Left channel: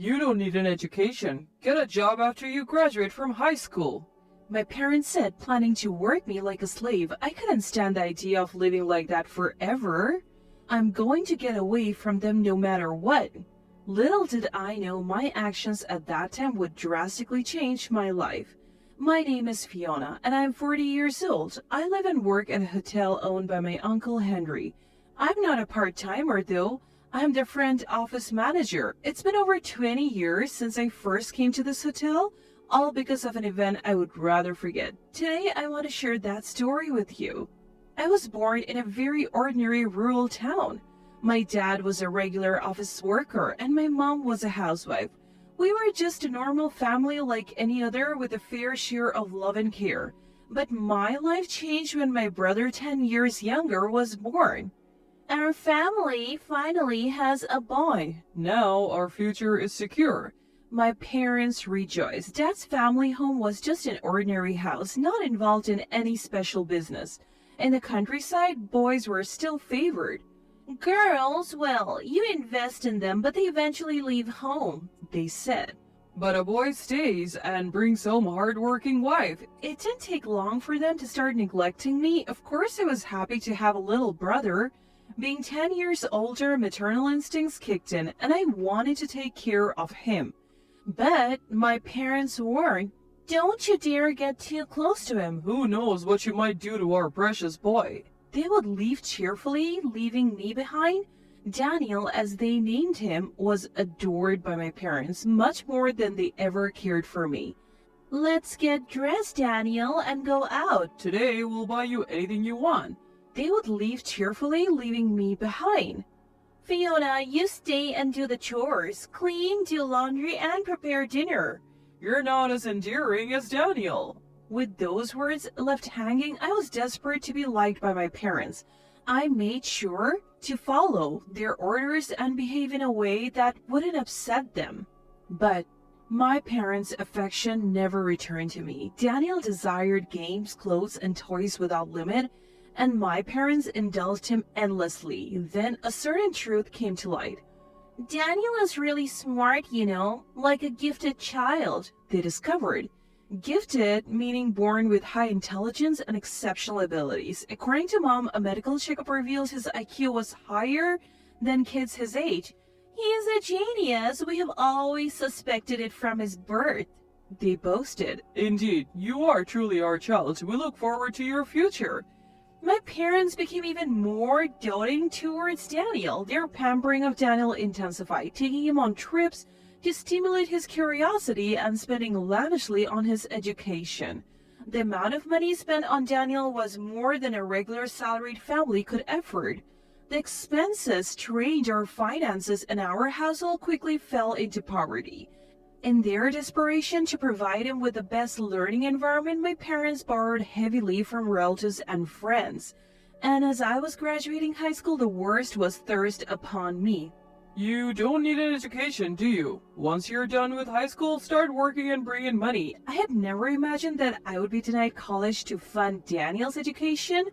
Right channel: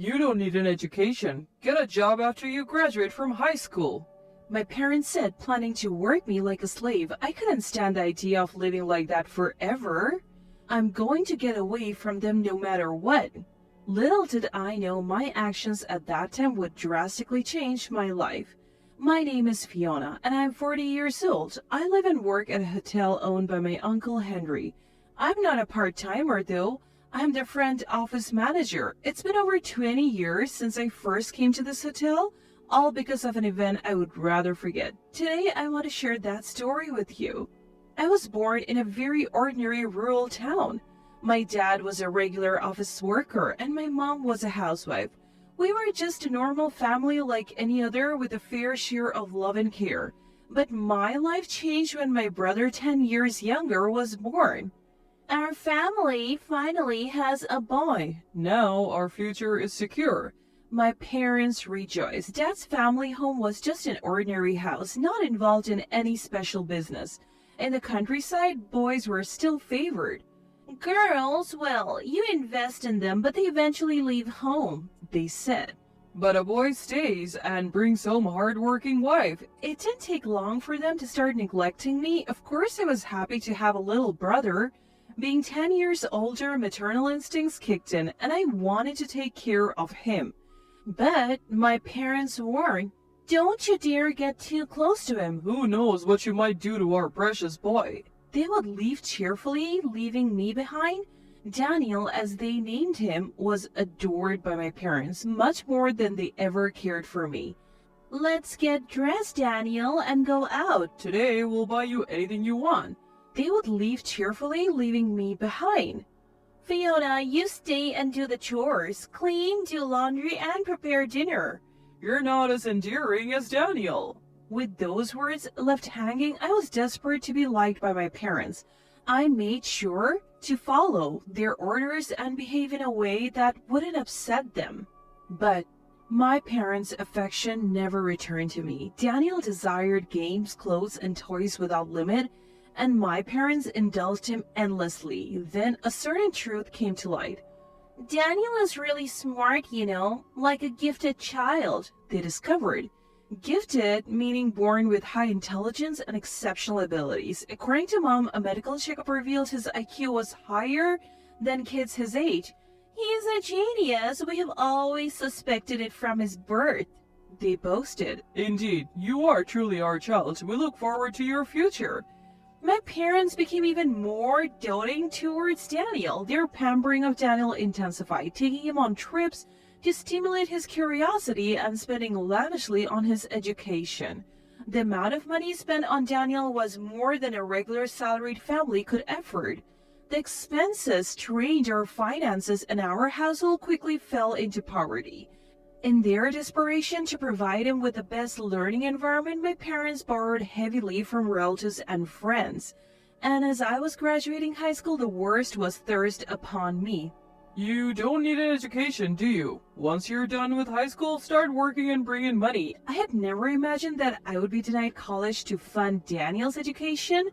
You don't need an education. Get a job after you graduate from high school. My parents said, planning to work me like a slave. I couldn't stand the idea of living like that forever. I'm going to get away from them no matter what. Little did I know my actions at that time would drastically change my life. My name is Fiona, and I'm 40 years old. I live and work at a hotel owned by my uncle Henry. I'm not a part-timer though. I'm the front office manager. It's been over 20 years since I first came to this hotel, all because of an event I would rather forget. Today, I want to share that story with you. I was born in a very ordinary rural town. My dad was a regular office worker, and my mom was a housewife. We were just a normal family like any other with a fair share of love and care. But my life changed when my brother, 10 years younger, was born. Our family finally has a boy. Now our future is secure. My parents rejoiced. Dad's family home was just an ordinary house, not involved in any special business. In the countryside, boys were still favored. Girls, well, you invest in them, but they eventually leave home, they said. But a boy stays and brings home a hard-working wife. It didn't take long for them to start neglecting me. Of course, I was happy to have a little brother. Being 10 years older, maternal instincts kicked in, and I wanted to take care of him. But my parents warned, don't you dare get too close to him. Who knows what you might do to our precious boy. They would leave cheerfully, leaving me behind. Daniel, as they named him, was adored by my parents, much more than they ever cared for me. Let's get dressed, Daniel, and go out. Today we'll buy you anything you want. They would leave cheerfully, leaving me behind. Fiona, you stay and do the chores. Clean, do laundry, and prepare dinner. You're not as endearing as Daniel. With those words left hanging, I was desperate to be liked by my parents. I made sure to follow their orders and behave in a way that wouldn't upset them. But my parents' affection never returned to me. Daniel desired games, clothes, and toys without limit, and my parents indulged him endlessly. Then a certain truth came to light. Daniel is really smart, you know, like a gifted child, they discovered. Gifted, meaning born with high intelligence and exceptional abilities. According to Mom, a medical checkup revealed his IQ was higher than kids his age. He is a genius. We have always suspected it from his birth, they boasted. Indeed, you are truly our child. We look forward to your future. My parents became even more doting towards Daniel. Their pampering of Daniel intensified, taking him on trips to stimulate his curiosity and spending lavishly on his education. The amount of money spent on Daniel was more than a regular salaried family could afford. The expenses strained our finances, and our household quickly fell into poverty. In their desperation to provide him with the best learning environment, my parents borrowed heavily from relatives and friends. And as I was graduating high school, the worst was thrust upon me. You don't need an education, do you? Once you're done with high school, start working and bring in money. I had never imagined that I would be denied college to fund Daniel's education.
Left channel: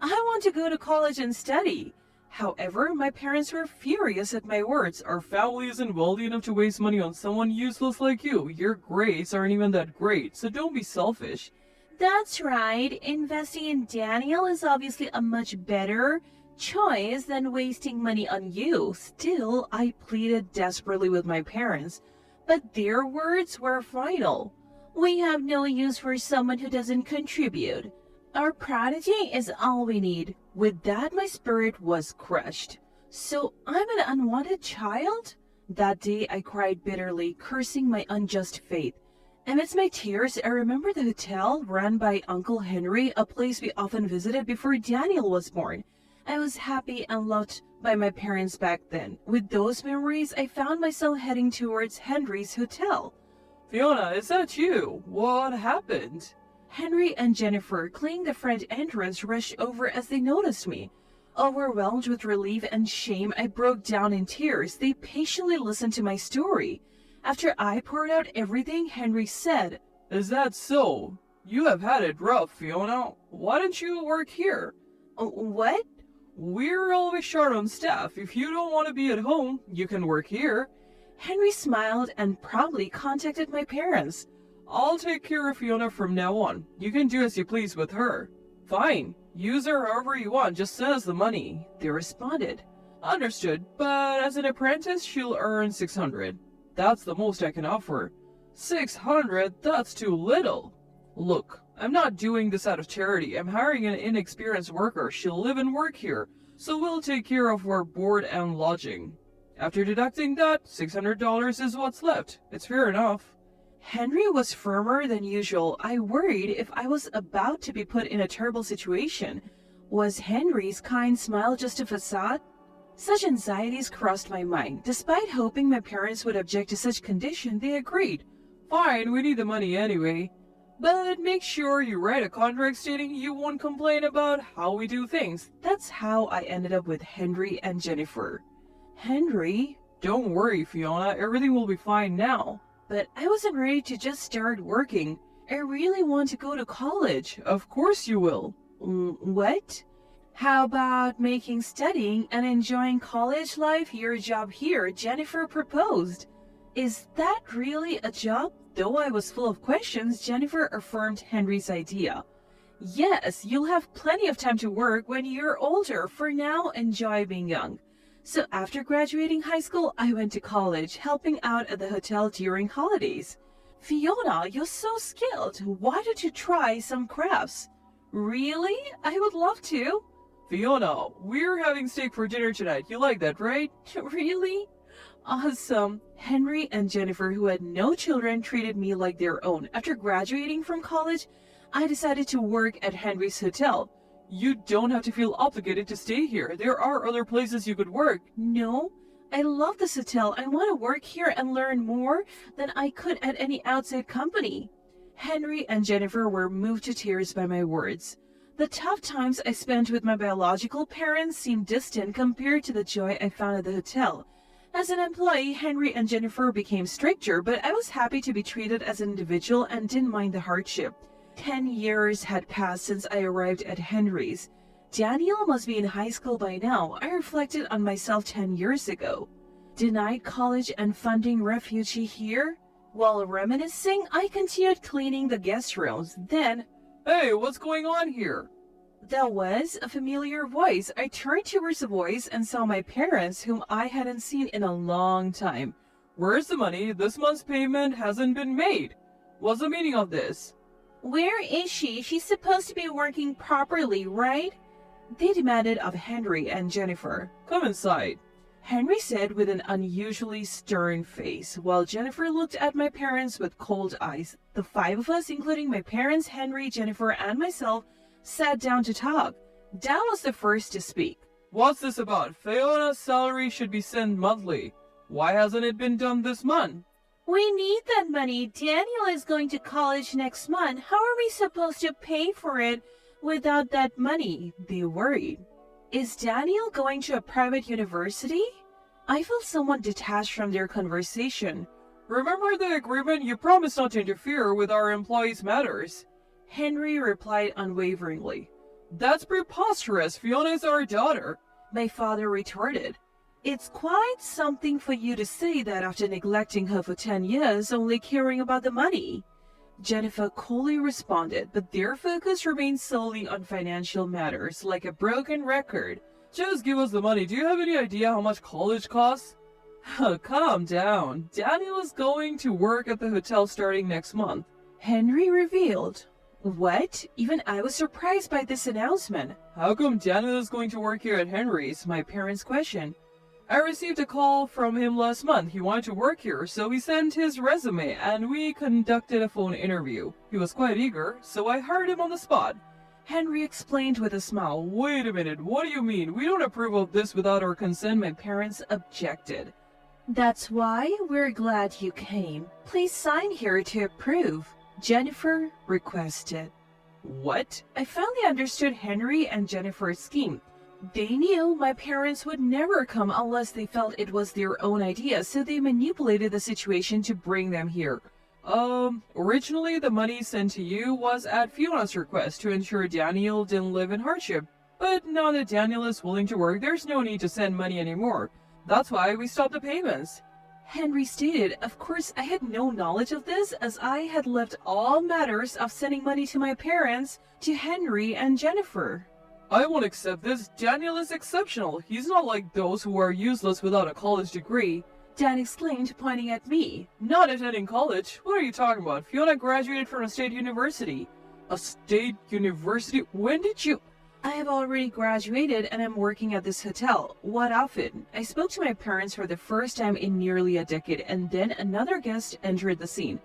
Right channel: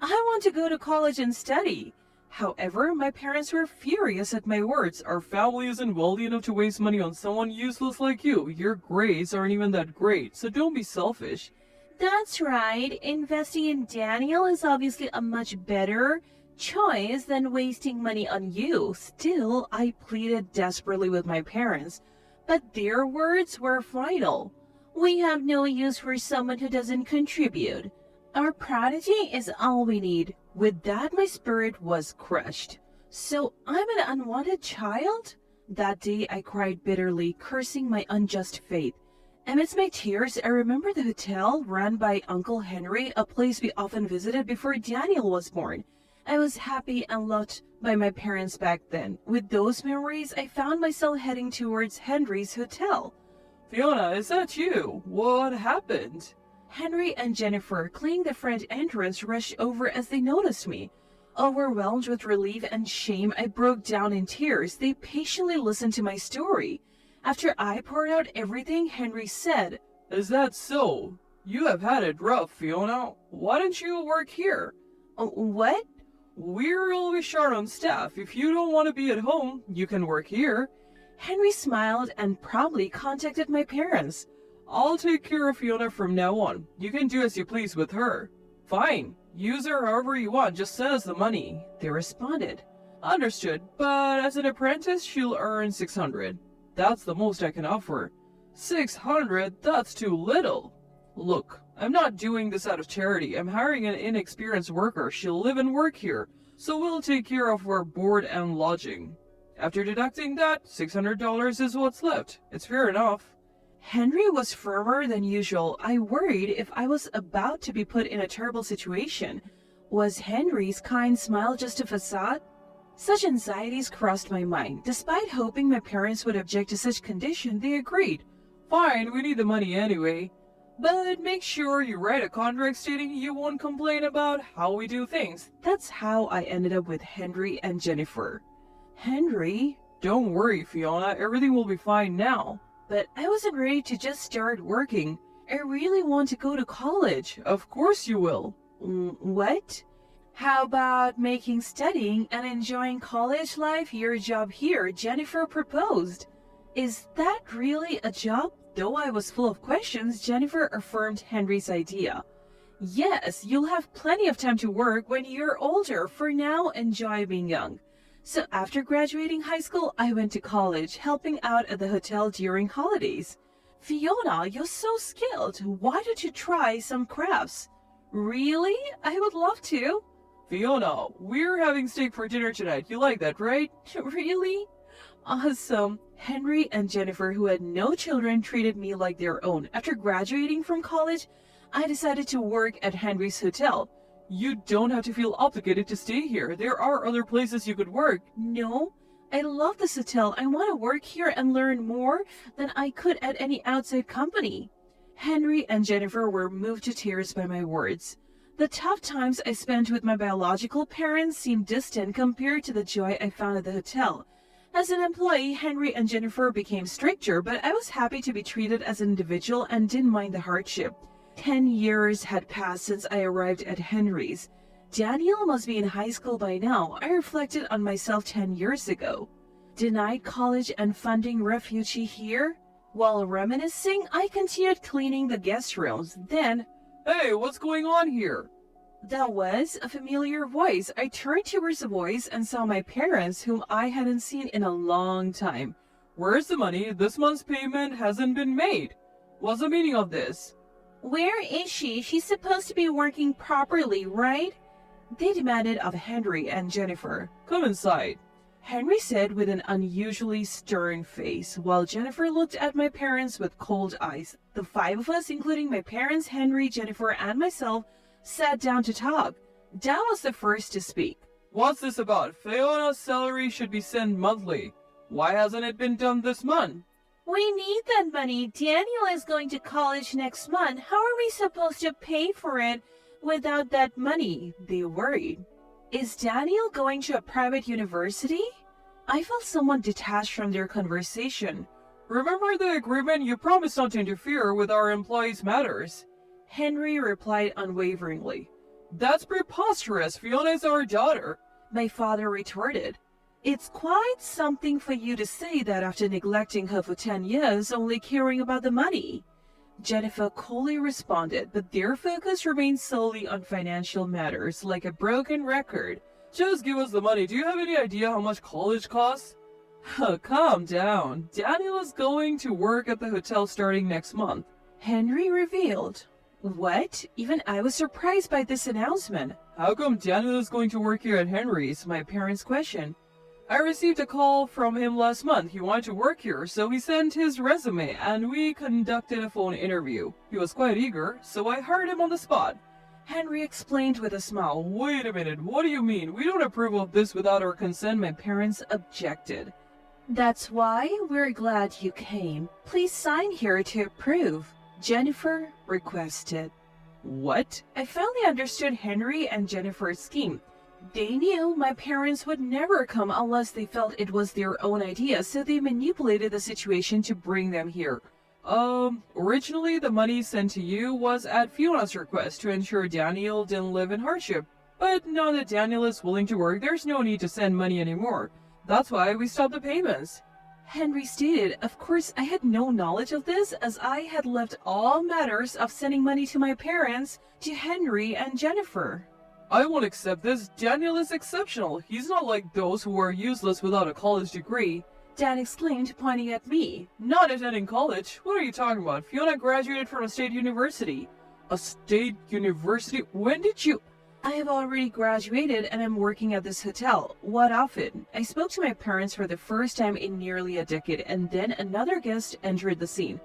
I want to go to college and study. However, my parents were furious at my words. Our family isn't wealthy enough to waste money on someone useless like you. Your grades aren't even that great, so don't be selfish. That's right. Investing in Daniel is obviously a much better choice than wasting money on you. Still, I pleaded desperately with my parents, but their words were final. We have no use for someone who doesn't contribute. Our prodigy is all we need. With that, my spirit was crushed. So I'm an unwanted child? That day, I cried bitterly, cursing my unjust fate. Amidst my tears, I remember the hotel run by Uncle Henry, a place we often visited before Daniel was born. I was happy and loved by my parents back then. With those memories, I found myself heading towards Henry's hotel. Fiona, is that you? What happened? Henry and Jennifer, cleaning the front entrance, rushed over as they noticed me. Overwhelmed with relief and shame, I broke down in tears. They patiently listened to my story. After I poured out everything, Henry said, Is that so? You have had it rough, Fiona. Why don't you work here? What? We're always short on staff. If you don't want to be at home, you can work here. Henry smiled and promptly contacted my parents. I'll take care of Fiona from now on. You can do as you please with her. Fine. Use her however you want, just send us the money, they responded. Understood, but as an apprentice, she'll earn 600. That's the most I can offer. 600? That's too little. Look, I'm not doing this out of charity. I'm hiring an inexperienced worker. She'll live and work here, so we'll take care of her board and lodging. After deducting that, $600 is what's left. It's fair enough. Henry was firmer than usual. I worried if I was about to be put in a terrible situation. Was Henry's kind smile just a facade? Such anxieties crossed my mind. Despite hoping my parents would object to such condition, they agreed. Fine, we need the money anyway. But make sure you write a contract stating you won't complain about how we do things. That's how I ended up with Henry and Jennifer. Henry? Don't worry, Fiona. Everything will be fine now. But I wasn't ready to just start working. I really want to go to college. Of course you will. What? How about making studying and enjoying college life your job here? Jennifer proposed. Is that really a job? Though I was full of questions, Jennifer affirmed Henry's idea. Yes, you'll have plenty of time to work when you're older. For now, enjoy being young. So after graduating high school, I went to college, helping out at the hotel during holidays. Fiona, you're so skilled. Why don't you try some crafts? Really? I would love to. Fiona, we're having steak for dinner tonight. You like that, right? Really? Awesome. Henry and Jennifer, who had no children, treated me like their own. After graduating from college, I decided to work at Henry's hotel. You don't have to feel obligated to stay here. There are other places you could work. No, I love this hotel. I want to work here and learn more than I could at any outside company. Henry and Jennifer were moved to tears by my words. The tough times I spent with my biological parents seemed distant compared to the joy I found at the hotel. As an employee, Henry and Jennifer became stricter, but I was happy to be treated as an individual and didn't mind the hardship. 10 years had passed since I arrived at Henry's. Daniel must be in high school by now. I reflected on myself 10 years ago. Denied college and funding refugee here? While reminiscing, I continued cleaning the guest rooms. Then, hey, what's going on here? That was a familiar voice. I turned towards the voice and saw my parents, whom I hadn't seen in a long time. Where's the money? This month's payment hasn't been made. What's the meaning of this? Where is she? She's supposed to be working properly, right? They demanded of Henry and Jennifer. Come inside, Henry said with an unusually stern face, while Jennifer looked at my parents with cold eyes. The five of us, including my parents, Henry, Jennifer, and myself, sat down to talk. Dan was the first to speak. What's this about? Fiona's salary should be sent monthly. Why hasn't it been done this month? We need that money. Daniel is going to college next month. How are we supposed to pay for it without that money? They worried. Is Daniel going to a private university? I felt somewhat detached from their conversation. Remember the agreement? You promised not to interfere with our employees' matters. Henry replied unwaveringly. That's preposterous. Fiona's our daughter. My father retorted. It's quite something for you to say that after neglecting her for 10 years, only caring about the money. Jennifer coolly responded, but their focus remained solely on financial matters, like a broken record. Just give us the money. Do you have any idea how much college costs? Calm down. Daniel is going to work at the hotel starting next month. Henry revealed. What? Even I was surprised by this announcement. How come Daniel is going to work here at Henry's? My parents questioned. I received a call from him last month. He wanted to work here, so he sent his resume, and we conducted a phone interview. He was quite eager, so I hired him on the spot. Henry explained with a smile. Wait a minute, what do you mean? We don't approve of this without our consent. My parents objected. That's why we're glad you came. Please sign here to approve, Jennifer requested. What? I finally understood Henry and Jennifer's scheme. They knew my parents would never come unless they felt it was their own idea, so they manipulated the situation to bring them here. Originally the money sent to you was at Fiona's request to ensure Daniel didn't live in hardship. But now that Daniel is willing to work, there's no need to send money anymore. That's why we stopped the payments. Henry stated. Of course, I had no knowledge of this, as I had left all matters of sending money to my parents to Henry and Jennifer. I won't accept this. Daniel is exceptional. He's not like those who are useless without a college degree. Dan exclaimed, pointing at me. Not attending college? What are you talking about? Fiona graduated from a state university. A state university? When did you? I have already graduated and I'm working at this hotel. What of it? I spoke to my parents for the first time in nearly a decade, and then another guest entered the scene.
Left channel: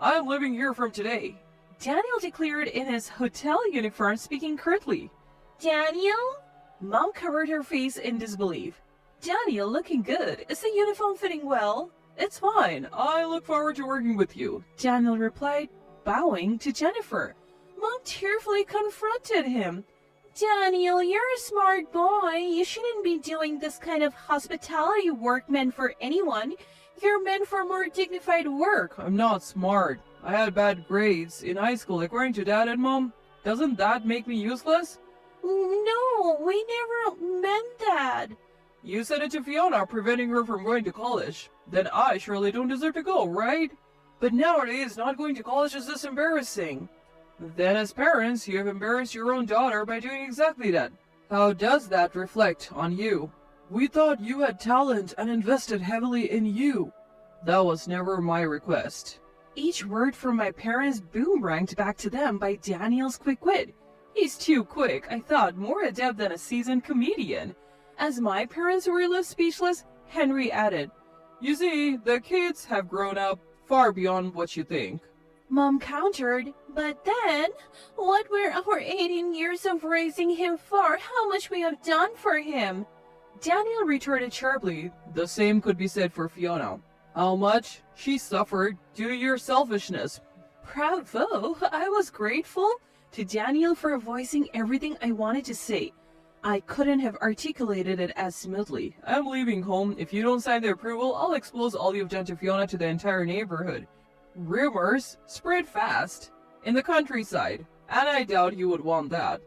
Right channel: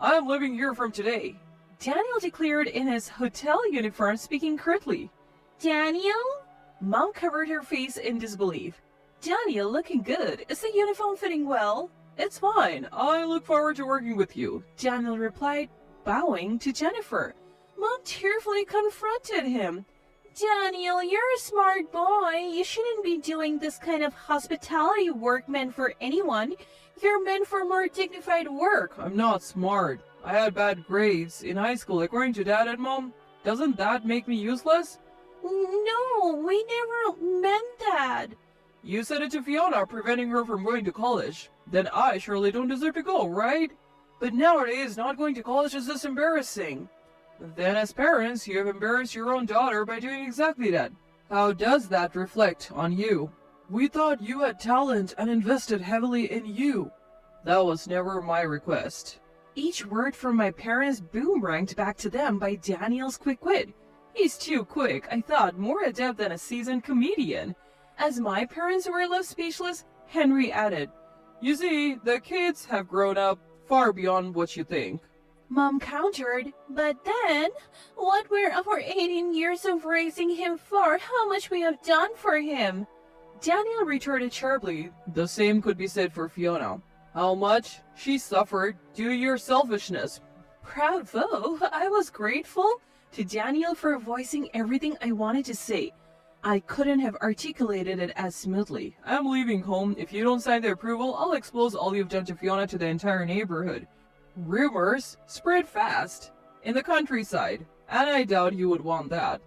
I'm living here from today. Daniel declared in his hotel uniform, speaking curtly. Daniel? Mom covered her face in disbelief. Daniel, looking good. Is the uniform fitting well? It's fine. I look forward to working with you, Daniel replied, bowing to Jennifer. Mom tearfully confronted him. Daniel, you're a smart boy. You shouldn't be doing this kind of hospitality work meant for anyone. You're meant for more dignified work. I'm not smart. I had bad grades in high school, according to Dad and Mom. Doesn't that make me useless? No, we never meant that. You said it to Fiona, preventing her from going to college. Then I surely don't deserve to go, right? But nowadays, not going to college is just embarrassing. Then as parents, you have embarrassed your own daughter by doing exactly that. How does that reflect on you? We thought you had talent and invested heavily in you. That was never my request. Each word from my parents boomeranged back to them by Daniel's quick wit. He's too quick, I thought, more adept than a seasoned comedian. As my parents were left speechless, Henry added, You see, the kids have grown up far beyond what you think. Mom countered, but then, what were our 18 years of raising him for? How much we have done for him? Daniel retorted sharply, The same could be said for Fiona. How much she suffered due to your selfishness. Bravo! I was grateful to Daniel for voicing everything I wanted to say. I couldn't have articulated it as smoothly. I'm leaving home. If you don't sign the approval, I'll expose all you've done to Fiona to the entire neighborhood. Rumors spread fast in the countryside, and I doubt you would want that.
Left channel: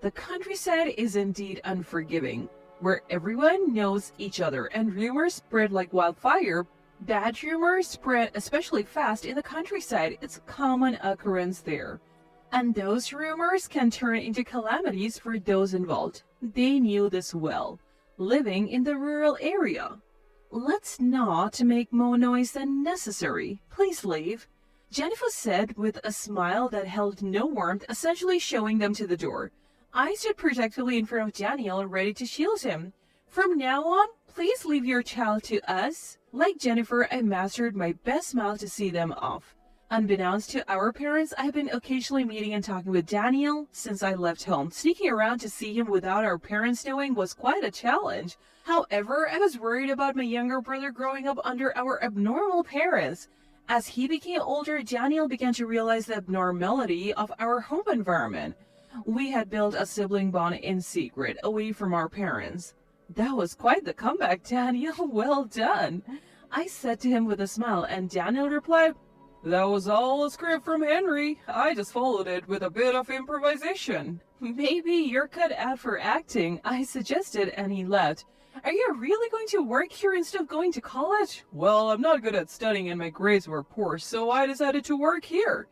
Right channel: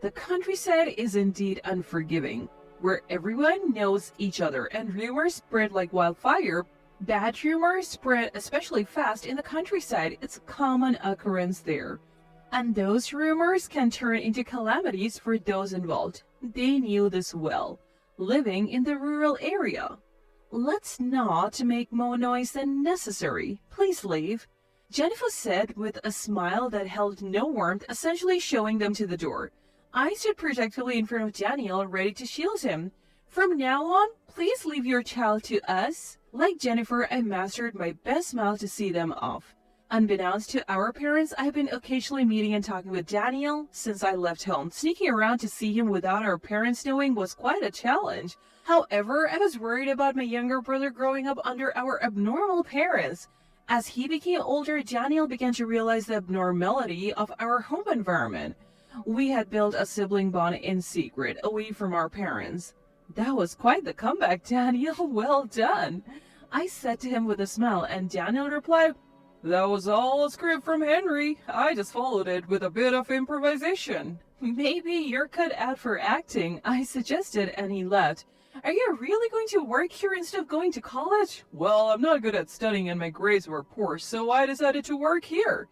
The countryside is indeed unforgiving, where everyone knows each other and rumors spread like wildfire. Bad rumors spread especially fast in the countryside. It's a common occurrence there. And those rumors can turn into calamities for those involved. They knew this well, living in the rural area. Let's not make more noise than necessary. Please leave, Jennifer said with a smile that held no warmth, essentially showing them to the door. I stood protectively in front of Daniel, ready to shield him. From now on, please leave your child to us. Like Jennifer, I mastered my best smile to see them off. Unbeknownst to our parents, I've been occasionally meeting and talking with Daniel since I left home. Sneaking around to see him without our parents knowing was quite a challenge. However, I was worried about my younger brother growing up under our abnormal parents. As he became older, Daniel began to realize the abnormality of our home environment. We had built a sibling bond in secret, away from our parents. That was quite the comeback, Daniel. Well done, I said to him with a smile, and Daniel replied, That was all a script from Henry. I just followed it with a bit of improvisation. Maybe you're cut out for acting, I suggested, and he laughed. Are you really going to work here instead of going to college? Well, I'm not good at studying and my grades were poor, so I decided to work here.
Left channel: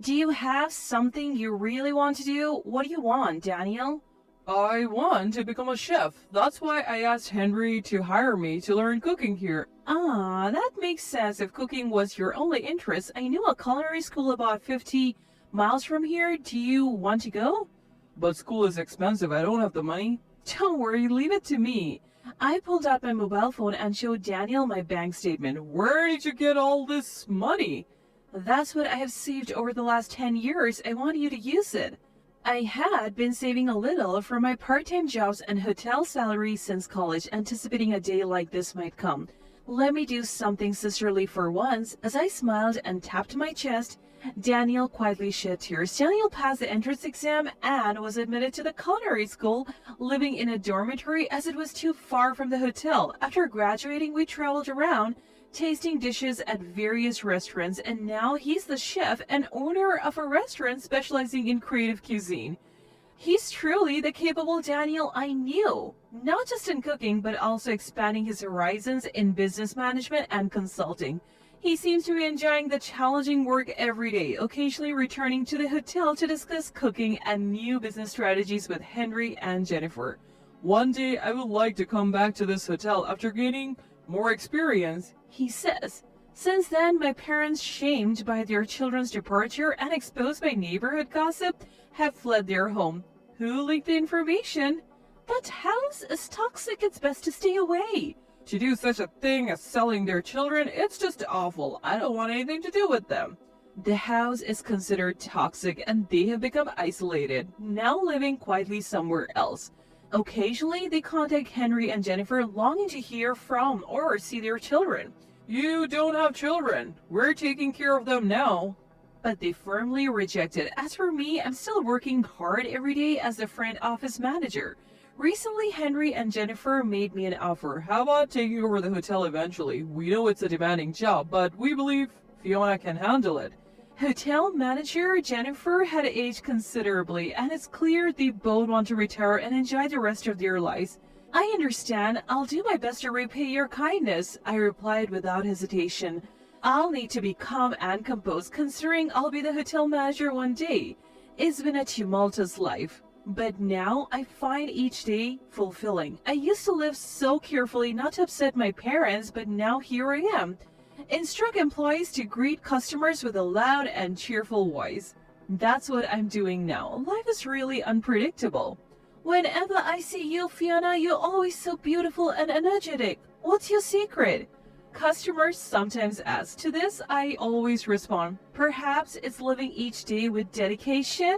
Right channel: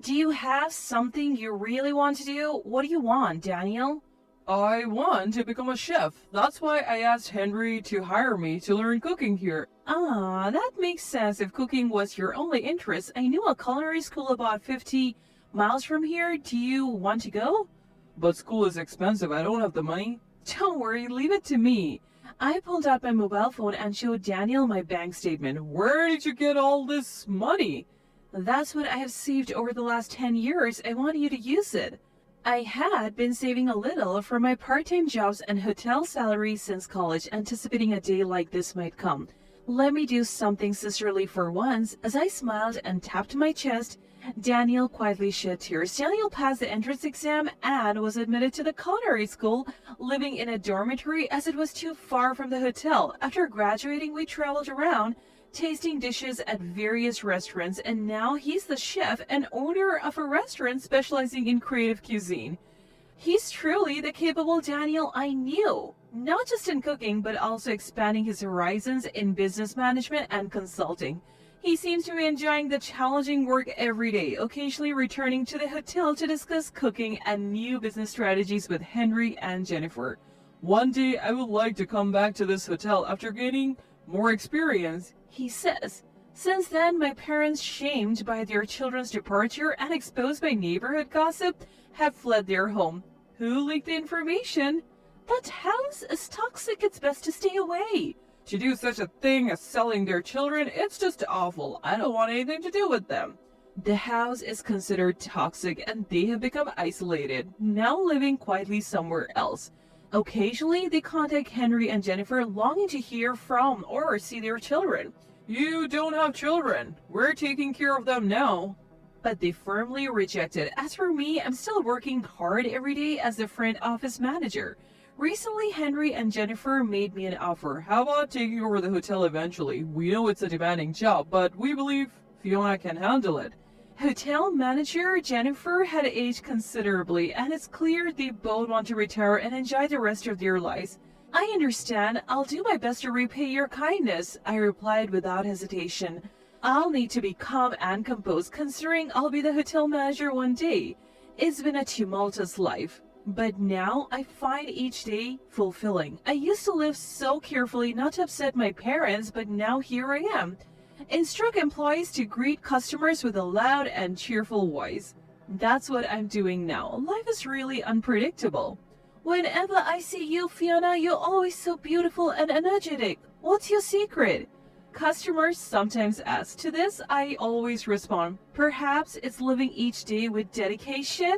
Do you have something you really want to do? What do you want, Daniel? I want to become a chef. That's why I asked Henry to hire me to learn cooking here. Ah, that makes sense. If cooking was your only interest, I knew a culinary school about 50 miles from here. Do you want to go? But school is expensive. I don't have the money. Don't worry, leave it to me. I pulled out my mobile phone and showed Daniel my bank statement. Where did you get all this money? That's what I have saved over the last 10 years. I want you to use it. I had been saving a little from my part-time jobs and hotel salary since college, anticipating a day like this might come. Let me do something sisterly for once. As I smiled and tapped my chest, Daniel quietly shed tears. Daniel passed the entrance exam and was admitted to the culinary school, living in a dormitory as it was too far from the hotel. After graduating, we traveled around, tasting dishes at various restaurants, and now he's the chef and owner of a restaurant specializing in creative cuisine. He's truly the capable Daniel I knew, not just in cooking, but also expanding his horizons in business management and consulting. He seems to be enjoying the challenging work every day, occasionally returning to the hotel to discuss cooking and new business strategies with Henry and Jennifer. One day I would like to come back to this hotel after gaining more experience, he says. Since then, my parents, shamed by their children's departure and exposed by neighborhood gossip, have fled their home. Who leaked the information? That house is toxic, it's best to stay away. To do such a thing as selling their children, it's just awful. I don't want anything to do with them. The house is considered toxic and they have become isolated, now living quietly somewhere else. Occasionally, they contact Henry and Jennifer, longing to hear from or see their children. You don't have children. We're taking care of them now. But they firmly reject it. As for me, I'm still working hard every day as the front office manager. Recently, Henry and Jennifer made me an offer. How about taking over the hotel eventually? We know it's a demanding job, but we believe Fiona can handle it. Hotel manager Jennifer had aged considerably, and it's clear they both want to retire and enjoy the rest of their lives. I understand. I'll do my best to repay your kindness, I replied without hesitation. I'll need to be calm and composed, considering I'll be the hotel manager one day. It's been a tumultuous life, but now I find each day fulfilling. I used to live so carefully not to upset my parents, but now here I am. Instruct employees to greet customers with a loud and cheerful voice. That's what I'm doing now. Life is really unpredictable. Whenever I see you, Fiona, you're always so beautiful and energetic. What's your secret? Customers sometimes ask. To this, I always respond, perhaps it's living each day with dedication.